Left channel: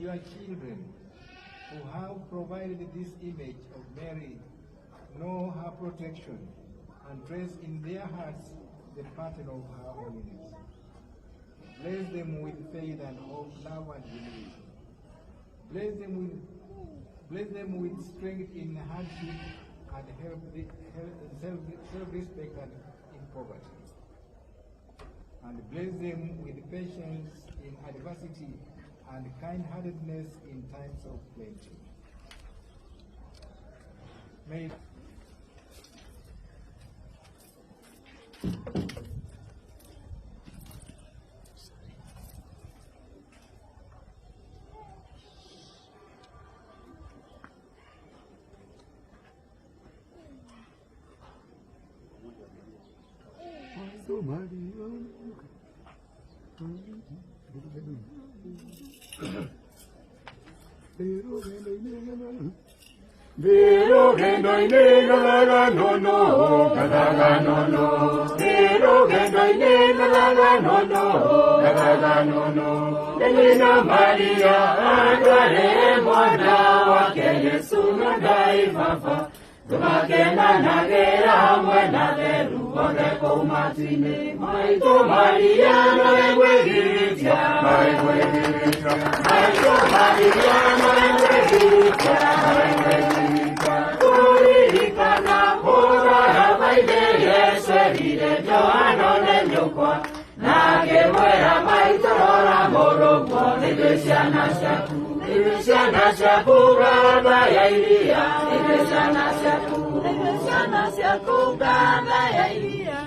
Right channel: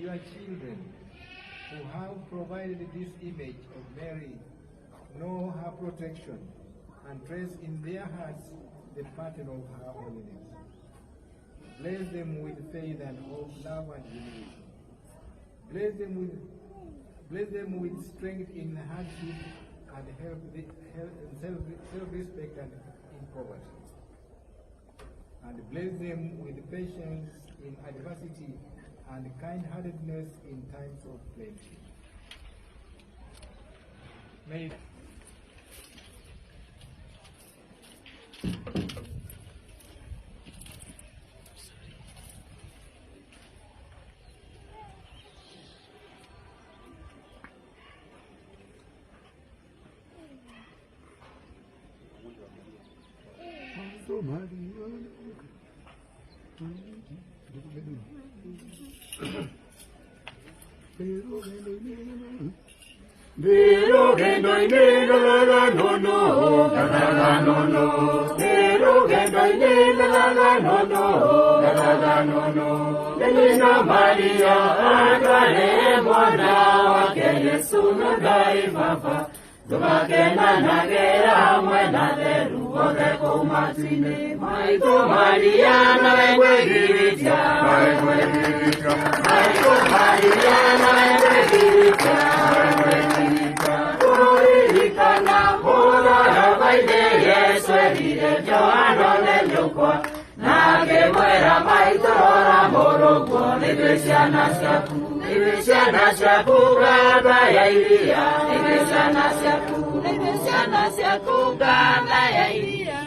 your children who have provided this image of Mary know her protection and trace in their hearts the pattern of her holiness. Bless them with faith and hope, love and humility. Bless them with strength in hardship and self-respect and in poverty. And bless them with patience in adversity and kind-heartedness in times of plenty. May Tukakena na gera mwena veru Kode kumatine Maito Maria na wegiritia Maito Maria na wegiritia Turika na boga ya vaide Yesu edire Joano nenyukwa Na kemwera maito rora morogwa Negesiana siapu Negesiana siapu Gaba ya iria Negesiana siapu Gaba ya iria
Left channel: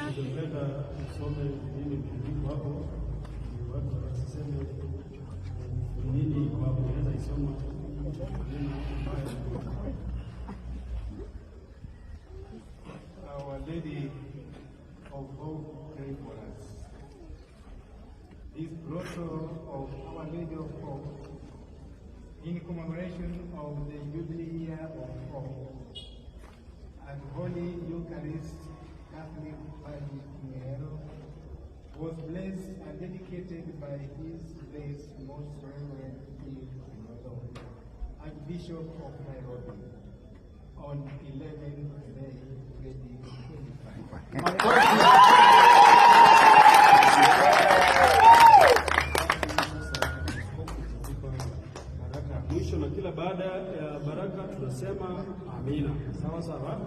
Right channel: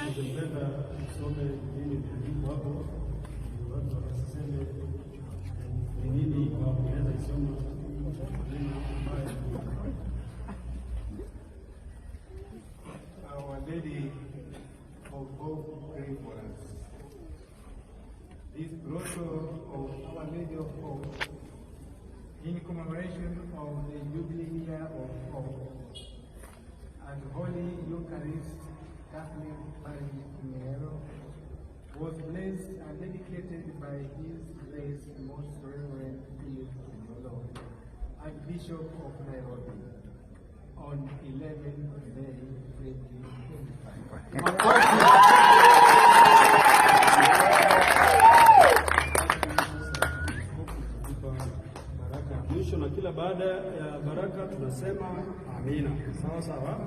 Our Lady of Hope, pray for us. This grotto of Our Lady of Hope, in commemoration of the Jubilee year of Hope, and Holy Eucharist Catholic Parish Miero, was blessed and dedicated by His Grace Most Reverend Philip Nyolo, Archbishop of Nairobi, on 11 May 2025. Mwisho na kila baada ya baraka tunasema amina. Sawa sawa.